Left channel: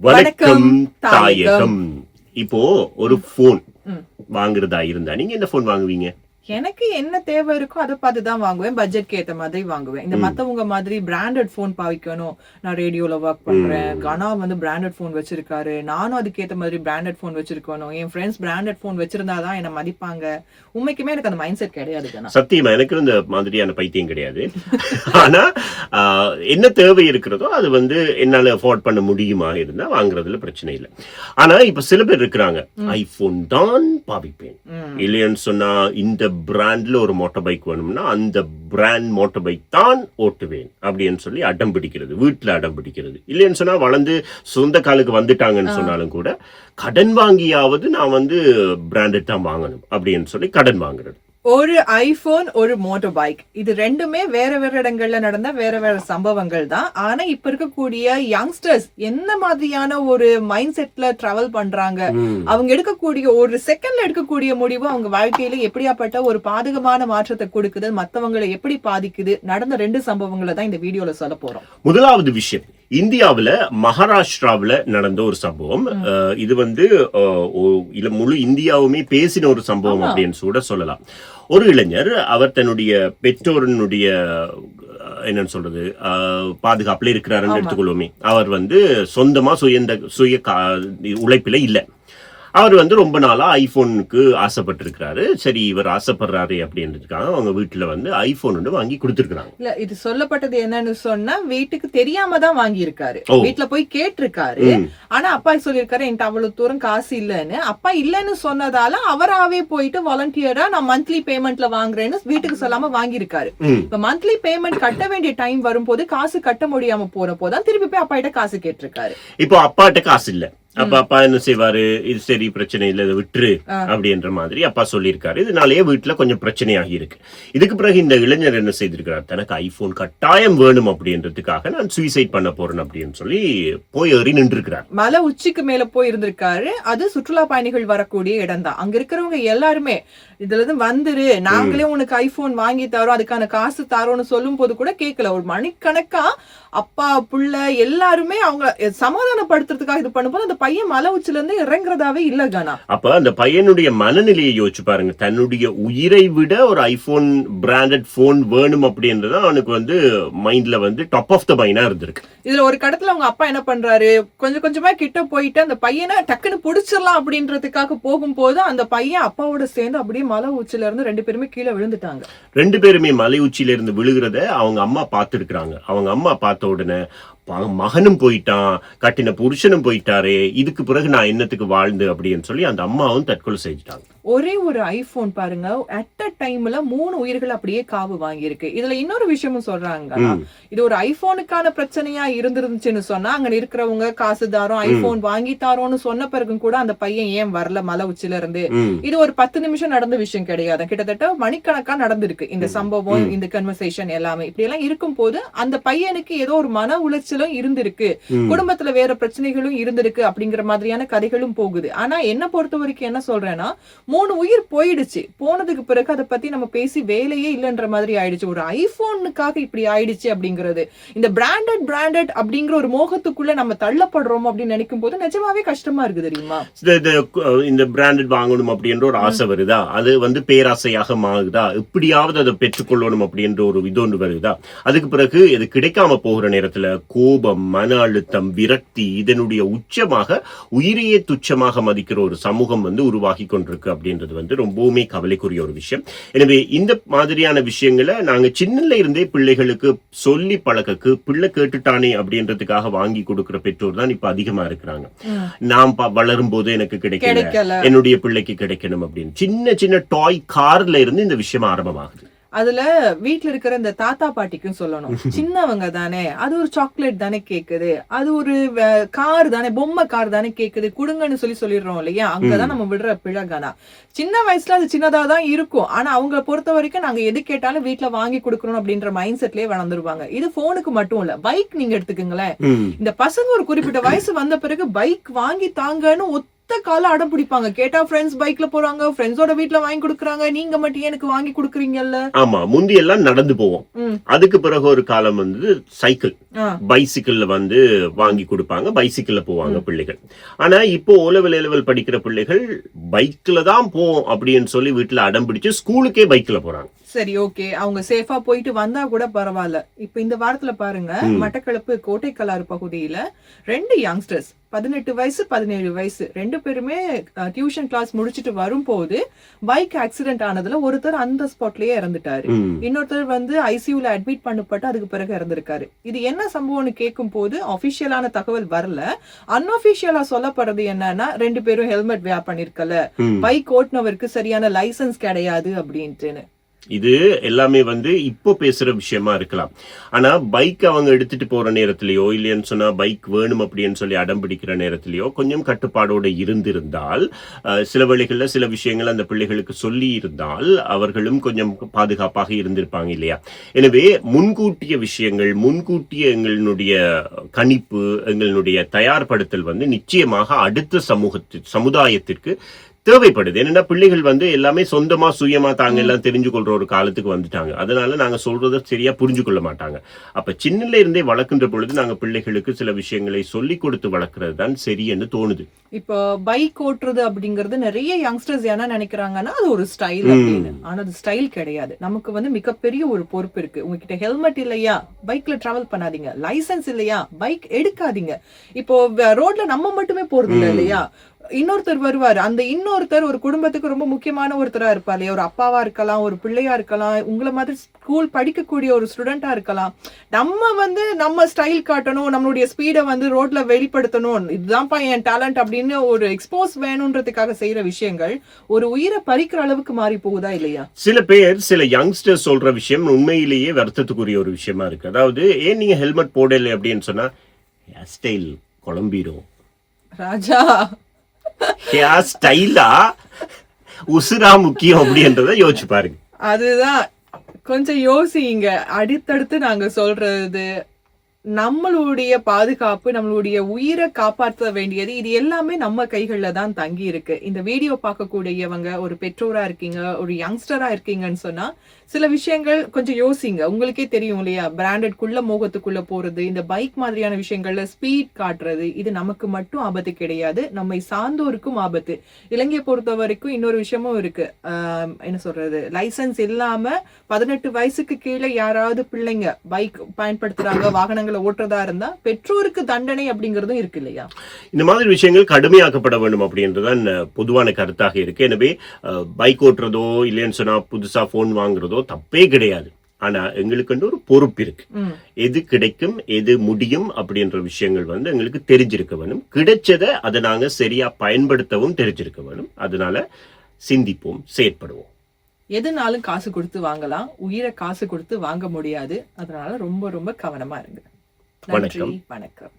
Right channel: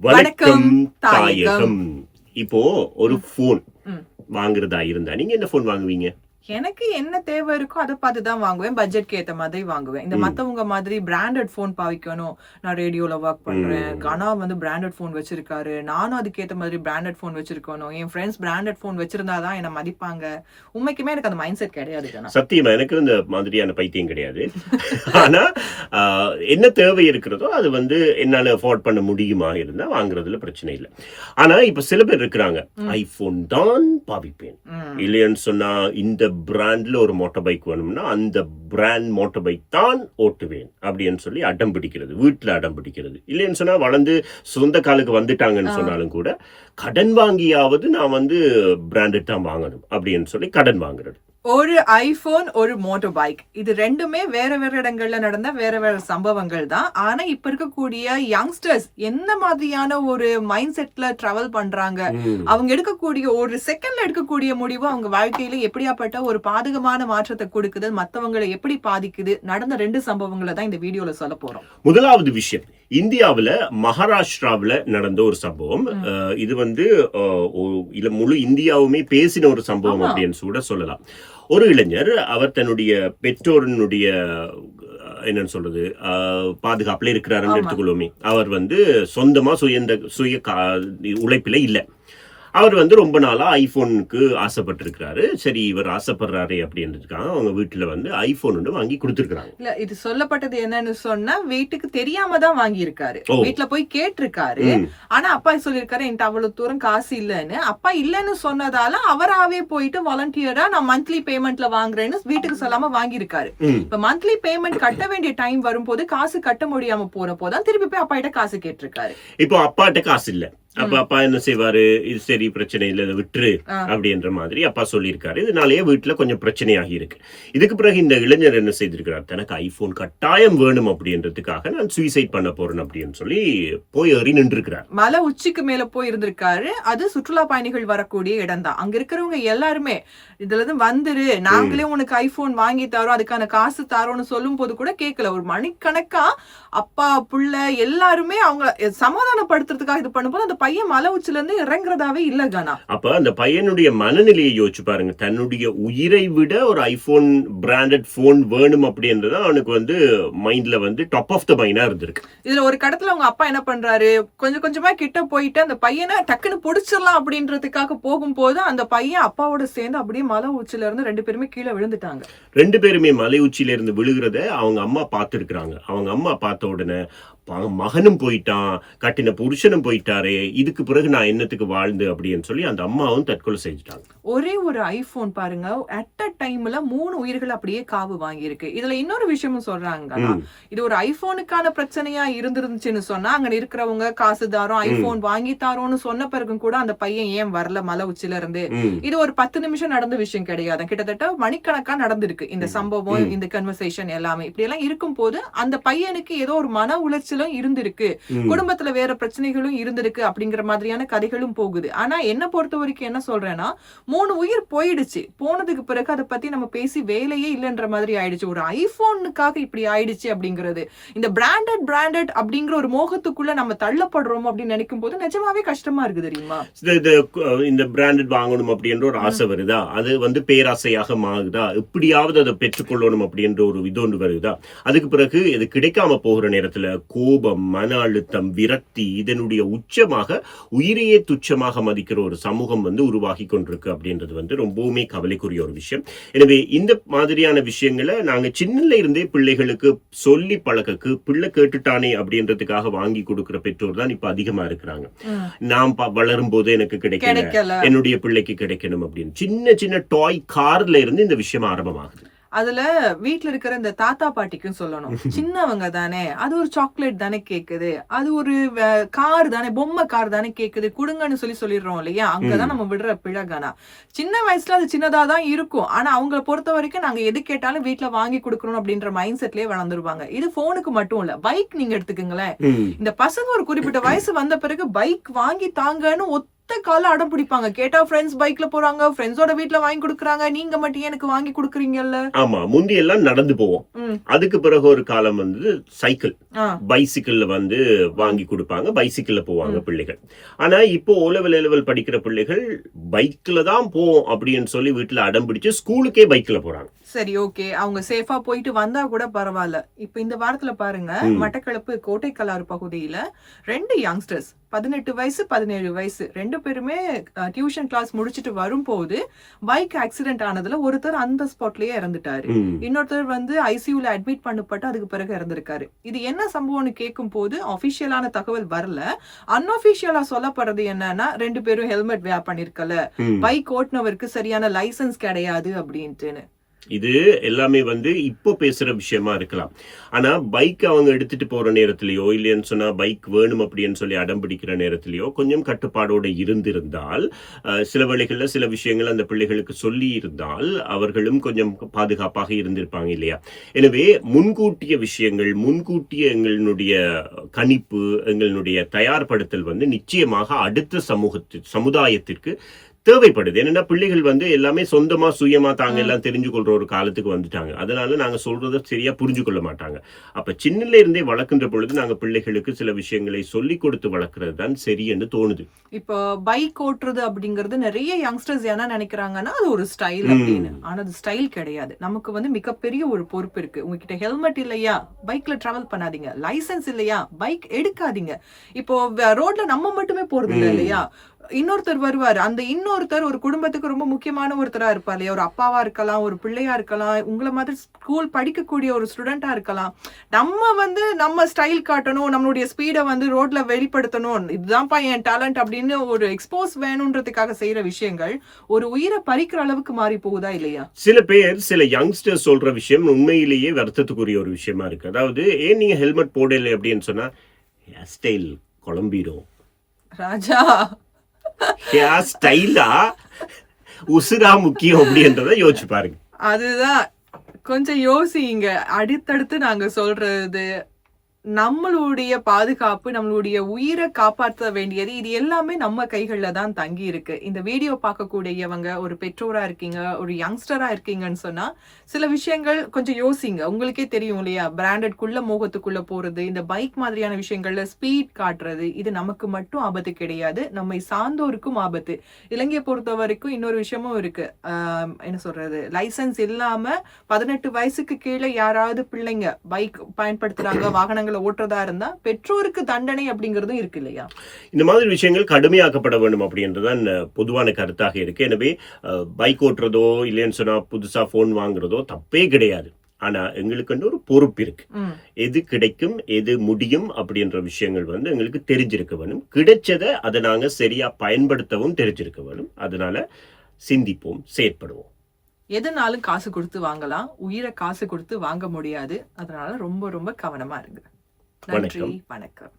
வணக்கம் தாயகம். இப்போ ஒரு போன் வாங்குறதா இருந்தா நீங்க என்ன போன் வாங்குவீங்க? எனக்கு என்ன தேவை இருக்கோ அதை பார்த்துதான் வாங்குவேன். பட்ஜெட்க்கு ஏத்த மாதிரி வாங்குவேன். இந்த மத்தவங்க மாதிரி பிராண்டட் போன் பாவிக்கணும். நான் ரேடியோல ஒர்க் பண்றேன், கனா வந்து பிராண்டட் போன் வச்சிருக்காரு, நானும் அதுக்கேத்த மாதிரி பிராண்டட் போன் வச்சிருக்கணும், என் ஃப்ரெண்ட்ஸ் பிராண்டட் போன் வச்சிருந்தாதான் என்ன மதிப்பாங்க. உண்மைக்குமே எனக்கு அந்த மைண்ட் செட் கிடையாது. சத்தியமா எனக்கு இந்த மாதிரியான பைத்தியம் கிடையாது. ஆனா என்ன தேவை இருக்கிறதோ அது வந்து என்னால அஃபோர்ட் பண்ண முடியுமா இருந்தா வாங்குறதுல பிரச்சனை இல்லை. ஆனா இப்ப சில பேர் இருக்கிறாங்க, ஐபோன் தான் பாவிப்பேன், இல்லைன்னு சொன்னா இந்த பிராண்ட்ல ஒரு மோட்டார் பைக் வேணும்னா அந்த பிராண்ட் மோட்டார் பைக் தான் ஓட்டுவேன் அப்படின்னு சொல்லி அடம் பிடிக்கிறது, வீட்டுல அடம் பிடிக்கிறது. இல்லைன்னு சொன்னா வளர்ந்து சொந்த காலுக்கு வந்துட்டாங்கன்னு சொன்னாலும் கூட கடன் வாங்கியாவது நான் வந்து பிராண்டட் தான் வாங்கணும் அப்படின்னு சொல்லி கடன் வாங்குறது. ஒரு ஐபோன், ஒரு மோட்டார் பைக், இது ரெண்டுமே வேற வேற இடங்கள்ல நடந்த வேற வேற சம்பவங்கள் தான். ஆனா இப்ப இருக்கக்கூடிய யங்ஸ்டர்ஸ் என்ன மாதிரியான ஒரு மைண்ட் செட்ல டிராவல் பண்றாங்க, அவங்க எடுக்கக்கூடிய ஒரு செகண்ட்ல எடுக்கக்கூடிய முடிவு அவங்க வாழ்க்கையில எப்படியாப்பட்ட ஒரு பாதகமான மாற்றத்தை கொடுக்குது, மத்தவங்களை எப்படி பாதிக்குது, நடந்த 2 சம்பவங்களை தான் இந்த வீடியோல சொல்ல போறோம். முதலாவது விஷயம், இந்தியாவுல மகாராஷ்டிராவுல நடந்த ஒரு சம்பவம். இது வந்து முழு இந்தியாவுமே பேசின ஒரு சம்பவம் அப்படின்னு கூட சொல்லலாம். ஒரு இளைஞர், அவர் தன்னுடைய பெற்றோருடைய என்னன்னு சொல்றது பாதுகாப்புல இருக்கிறாருன்னு எடுத்துக்கொள்வோமே, அவர் வந்து சொந்தமா சுய உழைப்பில இல்ல. அவர் வந்து ரொம்ப நாளா ஐபோனுக்கு ஆசைப்பட்டிருக்கிறாரு. சரி, இவர் ஆசைப்படுறாரு அப்படின்றதுக்காக அவங்க வீட்டுல வந்து ஐபோன் ஒன்று வாங்கி கொடுத்திருக்காங்க. இல்ல, இது சொல்லப்பட்டது என்னன்னு சொன்னா வீட்டுக்கு தெரியாம தான் வாங்கி இருக்காரு. வீட்டுல போய் கேட்டிருக்காரு. ஆனா அப்பா சொல்லிருக்காரு என்கிட்ட அவ்வளவு தூரம் காசு இல்லன்னு. அப்பா இல்லன்னு சொன்னதால அவராவே போயிட்டு வாலண்டியரா நான் மந்த்லி பேமெண்ட்ல வாங்குறேன்னு வீட்டுக்கு சொல்லாம வாங்கியிருக்காரு. இப்ப மந்த்லி பேமெண்ட் கட்ட வேண்டிய டைம் வரும்போது காசு கட்ட முடியாம போறப்போதான் திருப்பி போய் அப்பா கிட்ட காசு கேட்டிருக்காரு. இப்போ அப்பாட்ட காசு இல்ல. அப்ப அப்பா என்ன செய்வாரு, இது சரி பிரச்சனை இல்ல, இதை விட்டுரு அப்படின்ற மாதிரி அப்பா சொல்லியிருக்காரு. இதனாலேயே வீட்டுல கொஞ்சம் பிரச்சனையாகி இருக்கு. இதுக்கு பிறகு இந்த இளைஞர் என்ன செய்திருக்கிறார், தனக்கு ஐபோன் கட்டாயம் வேணும் அப்படின்றதுக்காக நான் சூசைட் பண்ண போறேன் அப்படின்னு சொல்லி போய் ஏறி நின்று இருக்கிறார். மலை உச்சிக்கு மேல போய் இருந்திருக்காரு. அது சுற்றுலா பயணிகள் வரக்கூடிய இடம் தான். அங்க இருக்கிறவங்க எல்லாருமே இதுல இருந்து வந்துரு, நாங்களே உனக்கு ஐபோன் வாங்கி தரோம், அதுக்கான காசு தரோம்னு சொல்லும் போது கூட கேட்கல. ஒரு மணிக்கணக்கா அப்பா புள்ள எல்லாருமே அவங்க சமாதானப்படுத்துறதுக்காக இது பண்ணும்போது அந்த பையன் மலை உச்சில இருந்து இறங்குறதாவே இல்ல கானா. அப்ப அந்த பையனுடைய மனநிலையை யோசிச்சு பாருங்க. தன்னுடைய உயிரை விட ஒரு ஐபோன் பிராண்டட் போன் வேணும் அப்படின்றது அவனுக்கு வந்து மைண்ட்ல வந்து டாப் ஆஃப் த மைண்டா இருந்திருக்கு. இதுல ஒரு கடத்துல அவங்க அப்பா என்ன பண்றாரு, கொஞ்சம் கொஞ்சமா கிட்ட போயிட்டு அந்த பையனை டக்குன்னு புடிச்சிடலாம் அப்படின்றதுக்காக போகும்போது அந்த பையன் அப்பாவோட சேர்ந்து அப்படியே மலை உச்சில இருந்து 2 பேருமே கீழே விழுந்துட்டாங்க. 2 பேருமே மலை உச்சியில இருந்து விழுகிறத அவங்க அம்மா பார்த்திருக்கிறாங்க. அவங்க அம்மா பார்த்த உடனே மகனும் போயிட்டான், கட்டின புருஷனும் போயிட்டாரு, இதுக்கு பிறகு நான் என்னத்துக்கு வாழ்ந்து அப்படின்னு சொல்லி அந்த அம்மாவும் தற்கொலை செஞ்சுட்டாங்க. ஒரே ஒரு ஐபோன் பாருங்க, அட் அ டைம்ல 3 உயிர்கள் அப்படியே காவு வாங்கி இருக்கு. இதுல இன்னொரு விஷயமும் சொல்றாங்க, இது ஒரு ஐபோனுக்கான பிரச்சனையா இருந்துருந்துச்சுன்னு சொன்னா அங்க இருக்கிறவங்க காசு தாரோம் ஐபோன் வாங்கி தாரோன்னு சொன்ன பிறகும் கூட அந்த பையன் ஏன் வரல மலை உச்சில இருந்து. இது ஒரு 10 நிமிஷம் நடந்த விஷயம் கிடையாது, கிட்டத்தட்ட மணிக்கணக்கா நடந்திருக்கு இந்த சம்பவம், இந்த கன்வர்சேஷன் எல்லாமே. இப்படி எல்லாம் இருக்கும் போது அந்த பையனுக்கு ஏதோ ஒரு மன உளைச்சல் இருந்திருக்கு, குடும்பத்துல வேற பிரச்சனைகளும் இருந்திருக்கு அப்படிங்கிற மாதிரியான கதைகளும் போகுது. ஆனா என்ன பொறுத்த வரைக்கும் என்ன சொல்றேன்னா, 3 உயிர் போயிடுச்சு. போனதுக்கு பிறகு அதை பத்தி நம்ம பேசி வேலையே இல்லைன்ற மாதிரி ஆயிடுச்சு. ஒரு ஐபோனுக்காக இப்படி ஆயிடுச்சு அப்படிங்கிறது, இந்த பிராண்டட் அப்படிங்கிற ஒரு மோகத்துக்குள்ள நம்ம தள்ளப்படுறோம் அப்படின்னு நினைக்கும் போது நிஜமாவே கஷ்டமா இருக்கு தெரியுமா. இந்த பிராண்டட் வாங்கணும் அப்படின்ற ஒரு ஆசை வருதா, அது வந்து பேராசையாக மாறுதா, எப்படியாவது அதை பெற்றுக்கொள்ளணும் அப்படின்ற ஒரு இதொன்று வருதா, அதுக்கு பிறகு இது கிடைக்காம போகிற நேரத்துல கோபம், மன அழுத்தம், விரக்தி, இதனுடைய உச்சமாக உயிரையே துச்சமாக மதிக்கிற ஒரு சமூகம் வந்து உருவாகி கொண்டிருக்கு அப்படின்றது வந்து ரொம்பவுமே கவலைக்குரிய ஒரு விஷயம். எனவே இந்த மாதிரியான விஷயங்களை நாங்க சின்னல இருந்தே பிள்ளைகளுக்கு சொல்லி பழக்கக்கு, பிள்ளை கேட்டுட்டானே அப்படின்றதுக்காக வாங்கி கொடுக்கிற பெற்றோர் தான் இப்ப அதிகமா இருக்கிறாங்க. நான் வளரும் போது எனக்கு கிடைக்கல, என்னுடைய பிள்ளைக்கு கிடைக்கணும் அப்படின்னு சின்ன சின்ன டாய் கார்ல இருந்து இந்த விஷயம் ஆரம்பமாகுது. அதுல வீட்டுல இருக்கிற இந்த தாத்தா பாட்டிக்கும் சொல்லணும், சின்னவங்க தானே, அது ஒரு சாக்லேட் தானே கேக்குது, அது ஒரு கார் தானே, பொம்மை கார் தானே கேக்குது, குடுங்கன்னு சொல்லிடுறோம் இல்லையா. அங்கதான் நம்ம விடுற பிழகானா. சின்ன வயசுல அது சின்னதாதான் இருக்கும், ஆனா அவங்களை பொறுத்த வரைக்கும் நாங்க எது கேட்டாலும் வீட்டுல வாங்கி கொடுக்கணும் அப்படின்ற மைண்ட் செட்லயே வளர்ந்துருவாங்க. இது போனுக்கு மட்டும் இல்ல, பைக் நீங்க எடுத்துக்கங்களேன். இந்த பசங்க ஒரு குறிப்பிட்ட வயசு வந்த பிறகு பைக் வாங்கி தாங்கன்னு காலம் அடம் பிடிப்பாங்க. கேட்டா ஃப்ரெண்ட்ஸ் பைக்ல போறாங்க, ஃப்ரெண்ட்ஸோட வீட்ல வாங்கி கொடுக்குறாங்க, நீங்க மட்டும் எனக்கு வாங்கி கொடுக்குறீங்கல்ல. ஆமா, முந்தி எல்லாம் நடந்து போவோம். அதுக்கு பிறகு ஒரு காலம் வந்து சைக்கிள், பைசிக்கிள்ல வந்து வாங்கி கொடுப்பாங்க, பைசிக்கிள்ல போவாங்க பிள்ளைகள். ஆனா இப்போ O-level படிக்கிற பிள்ளைகள் பைக்ல தான் போவோம் அப்படின்னு சொல்லி வீட்டுல அடம் பிடிச்சு ஸ்கூலுக்கே பைக்ல போறாங்க. சரி, ஓகே, அவங்க சேஃபா போயிட்டு வந்தா கூட பரவாயில்ல. இப்ப இந்த வாரத்துல பாருங்க, மட்டக்களப்பு கோட்டைக்கலாறு பகுதியில 2 யங்ஸ்டர்ஸ் 18 வயசு 17 வயசு 2 பேருமே டியூஷன் கிளாஸ் முடிச்சிட்டு வரும்போது பைக் ஆக்சிடென்ட் ஆனதுல ஒருத்தர் அந்த ஸ்பாட்லயே இறந்துட்டாரு. இன்னொருத்தர் வந்து ஐசியூல அட்மிட் பண்ணப்பட்டு அதுக்கு பிறகு இறந்திருக்காரு. இது என்ன சம்பவம்னு கேட்கும் போது அபிஷியலான தகவல் வரல. அன்அபிஷியலா சொல்லப்படுறது என்னன்னா 2 பேரும் ஹெல்மெட் வேர் பண்ணிருக்கல, பைக் ஓட்டுனவருக்கு சரியான லைசன்ஸ் கிடையாது அப்படின்ட்டு. இது எல்லாமே வந்து இப்போ பேசுற விஷயமா இருக்கலாம். ஆனா பைக் அவங்க எடுத்துட்டு போற நேரத்திலயோ இல்லைன்னு சொன்னா பைக் வேணும் அப்படின்னு சொல்லி அடம் பிடிக்கிற நேரத்திலயோ கொஞ்சம் கட்டுப்பாடோட இருந்திருந்தால், சில வேளைகள்ல சில விஷயங்கள் அந்த பிள்ளைகளுக்கு சொல்லி இருந்தால் அவர்களும் கொஞ்சம் பாதுகாப்பாக இருந்திருப்பாங்க இல்லையா? எனவே முன்கூட்டிய விஷயங்கள், முன்கூட்டிய எங்களுடைய கணிப்பு, எங்களுடைய தயார்படுத்தல் வந்து நிச்சயமாக அடுத்த சமுதாயத்திற்கு தேவைப்படுது. என்னன்னா பிள்ளைகள் வந்து எல்லாமே சொந்தமா சுயமா தாங்க எல்லாம் தெரிஞ்சு கொள்ற ஒரு காலத்துக்கு வந்துட்டாங்க. அதனால நாங்க சொல்றத சரியா புரிஞ்சு கொள்ள மாட்டாங்க. அப்ப சின்னல இருந்தே வளர்க்கின்ற பொழுது நாங்க பிள்ளைகளுக்கு சில விஷயங்களை சொல்லி கொடுத்து வளர்க்கறது தான் சரி என்று தோணுது. இப்போ பைக் ஓட்டுறது அப்படிங்கறது நிறைய யங்ஸ்டர்ஸ் என்ன நினைக்கிறாங்கன்னா அது ஒரு ஸ்டைல் அப்படின்னு. ஆனா அது ஸ்டைல் கிடையாது. நமக்கு வந்து மிகப்பெரிய ஒரு பொறுப்பு இருக்கு. உங்ககிட்ட ஹெல்மெட் இல்லையா, பைக்ல டிராவல் பண்ணாதீங்க. லைசன்ஸ் இல்லையா, பைக் எடுக்காதீங்க. இப்போ ரோட்ல நம்ம மட்டுமே போறது இல்ல இல்லையா, இன்னொருத்தர் வருவாரு. அந்த இன்னொருத்தர் ஒரு குடும்பத்துக்கு ரொம்ப முக்கியமான ஒருத்தரா இருப்பாரு. ஒரு அப்பாவா இருக்கலாம், ஒரு பிள்ளையா இருக்கலாம், உங்களை மாதிரி ஸ்கூல் படிக்கக்கூடிய ஒரு ஸ்டூடெண்டா இருக்கலாம். நம்ம வந்து நம்ம ஸ்டைல் காட்டணும், நம்மளுடைய ஸ்பீடை வந்து ரோட்ல வெளிப்படுத்தணும், இதுதான்ப்பா என் டேலண்ட் அப்படின்னு ஒரு எக்ஸ்போஸ் வேணும்ன்றதுக்காக செய்யற விஷயங்கள் ஒரு உயிரை பறிக்கிற அளவுக்கு மாறி போகுதா இல்லையா? சில பேர், சில யங்ஸ்டர்ஸ் சொல்ற விஷயம் உண்மையிலேயே வருத்தத்துக்குரிய ஒரு விஷயமா இருக்கு. அதாவது ஏன் நீங்க ஹெல்மெட் போடல அப்படின்னு சொன்னா ஹேர் ஸ்டைல் குழம்பிடும். ராஜா, ஹேர் ஸ்டைலா உசுரா முக்கியம் அப்படின்றத யோசிச்சு பாருங்க. அதுதான் கொஞ்சம் யோசிங்க. அடுத்தடுத்து நாங்க சொல்றது நம்மளுடைய பாதுகாப்பு, நம்மளுடைய உயிரை காப்பாற்ற வேண்டியது இது எல்லாமே நம்ம கைகள்ல தான் தங்கி இருக்கு. இந்த வீடியோ பார்க்கக்கூடியவங்க ஒரு பெற்றோரா இருக்கீங்க, ஒரு யங்ஸ்டரா இருக்கீங்கன்னு சொன்னா சில விஷயங்கள் கொஞ்சம் யோசிங்க. உங்களுக்கே தெரியும் இல்லையா, பிராண்டட்குள்ள மோகத்துக்குள்ள போறது, இந்த பைக் மாதிரியான விஷயங்கள்ல ஸ்பீட் காட்டுறது, இது நமக்கு மட்டும் ஆபத்து கிடையாது, நம்மை சார்ந்தோருக்கும் ஆபத்து. இலங்கையை பொறுத்த வரைக்கும் இன்னொரு விஷயமும் இருக்கு. என்ன சொல்றது, லைசன்ஸ் இல்லாம 18 வயசுக்கு கீழே யாராவது பிள்ளைங்க பைக் பயன்படுத்துறாங்க, வாகனங்களை ஓட்டுறதா இருந்தா பெற்றோருக்கு தண்டனை அப்படிங்கறதும் இருக்கு இல்லையா? இந்த மாதிரி விஷயங்கள் கடுமையாக்கப்பட வேண்டும் அப்படின்றதான் பொதுவான கருத்தாக இருக்கு. எனவே பைக் ஓட்டுறதோ இல்லைன்னு சொன்னா புதுசா போன் வாங்குறதோ தப்பே கிடையாது. ஆனா எங்களுக்கு ஒரு பொறுப்பு இருக்கு. எது கிடைக்கும், எது முடியும் அப்படின்ற விஷயங்கள் வந்து எங்களுக்கு தெரிஞ்சிருக்க வேணும். கிடைச்சதை அதை நாங்க சரியா பயன்படுத்தவும் தெரிஞ்சிருக்க வேணும். அதனால சிந்திப்போம், செயற்படுவோம். எதுனாலும் காசு கொடுத்து வாங்கலாம், உயிரை காசு கொடுத்து வாங்க முடியாது. அதனால ரொம்ப ரொம்ப கவனமா இருங்க. நன்றி, வணக்கம்.